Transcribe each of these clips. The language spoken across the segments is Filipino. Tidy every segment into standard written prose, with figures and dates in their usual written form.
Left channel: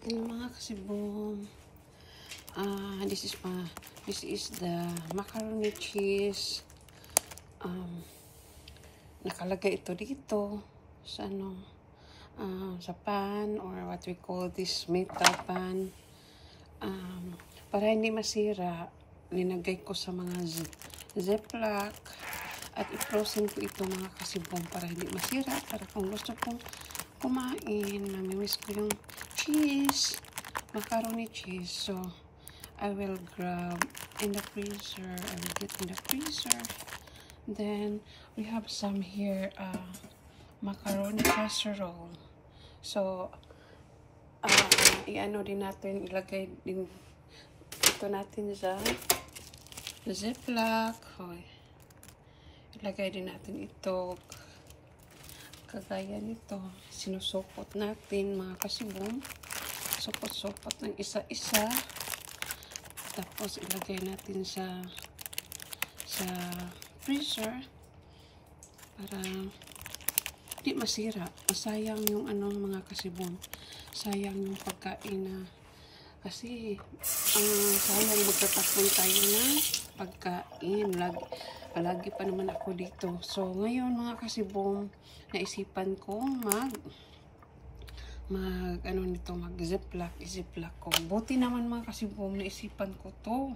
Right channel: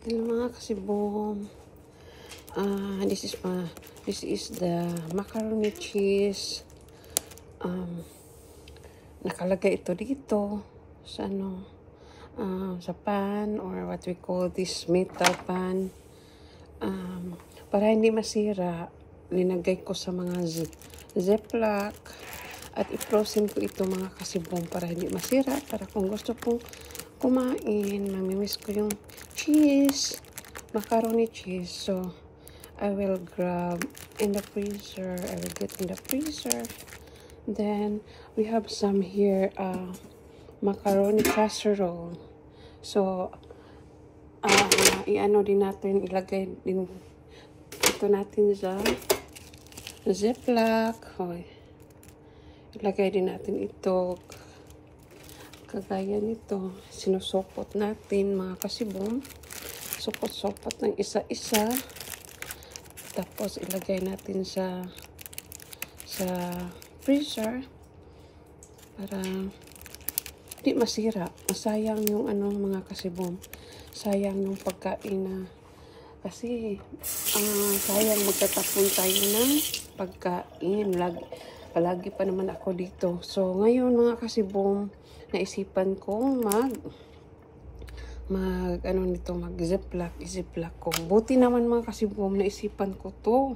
Hello mga kasibong. This is the macaroni cheese. Nakalagay ito dito sa sa pan, or what we call this metal pan. Para hindi masira, linagay ko sa mga ziplock at i-frozen ko ito mga kasibong para hindi masira, para kung gusto ko kumain, namimiss ko yung cheese, macaroni cheese. So I will grab in the freezer. I will get in the freezer. Then we have some here macaroni casserole. So i-ano din natin, ilagay din ito natin sa ziplock. Ilagay din natin ito kagaya nito. Sinusopot natin mga kasibong. Sopot-sopot ng isa-isa. Tapos ilagay natin sa freezer para di masira. Masayang yung mga kasibong. Sayang yung pagkain na kasi sayang magtatapon tayo ng pagkain. Palagi pa naman ako dito. So ngayon mga kasibong, naisipan kong ziplock ko. Buti naman mga kasibong, naisipan ko to.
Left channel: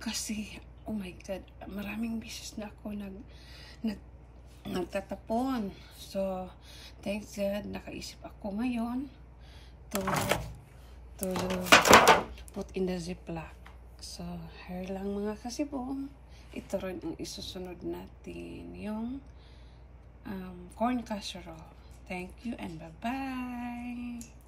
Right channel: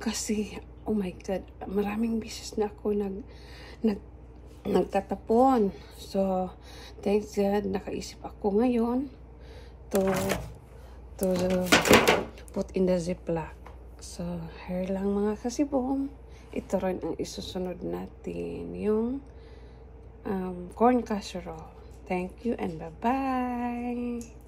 Kasi, oh my God, maraming beses na ako nagtatapon. So, thanks God, nakaisip ako ngayon to put in the ziplock. So, here lang mga kasibong. Ito rin ang isusunod natin, yung corn casserole. Thank you and bye-bye.